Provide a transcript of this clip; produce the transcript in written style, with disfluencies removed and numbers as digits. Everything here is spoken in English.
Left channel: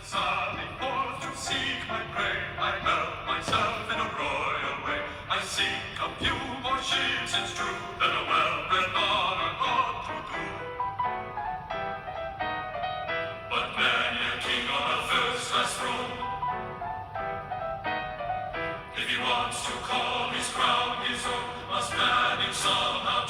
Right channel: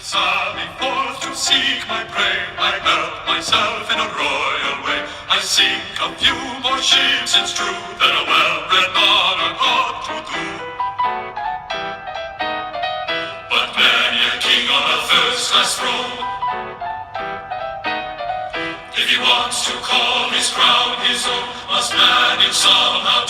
sally forth to seek my prey. I help myself in a royal way. I sink a few more ships, it's true, than a well-bred monarch ought to do. But many a king on a first-class throne, if he wants to call his crown his own, must manage somehow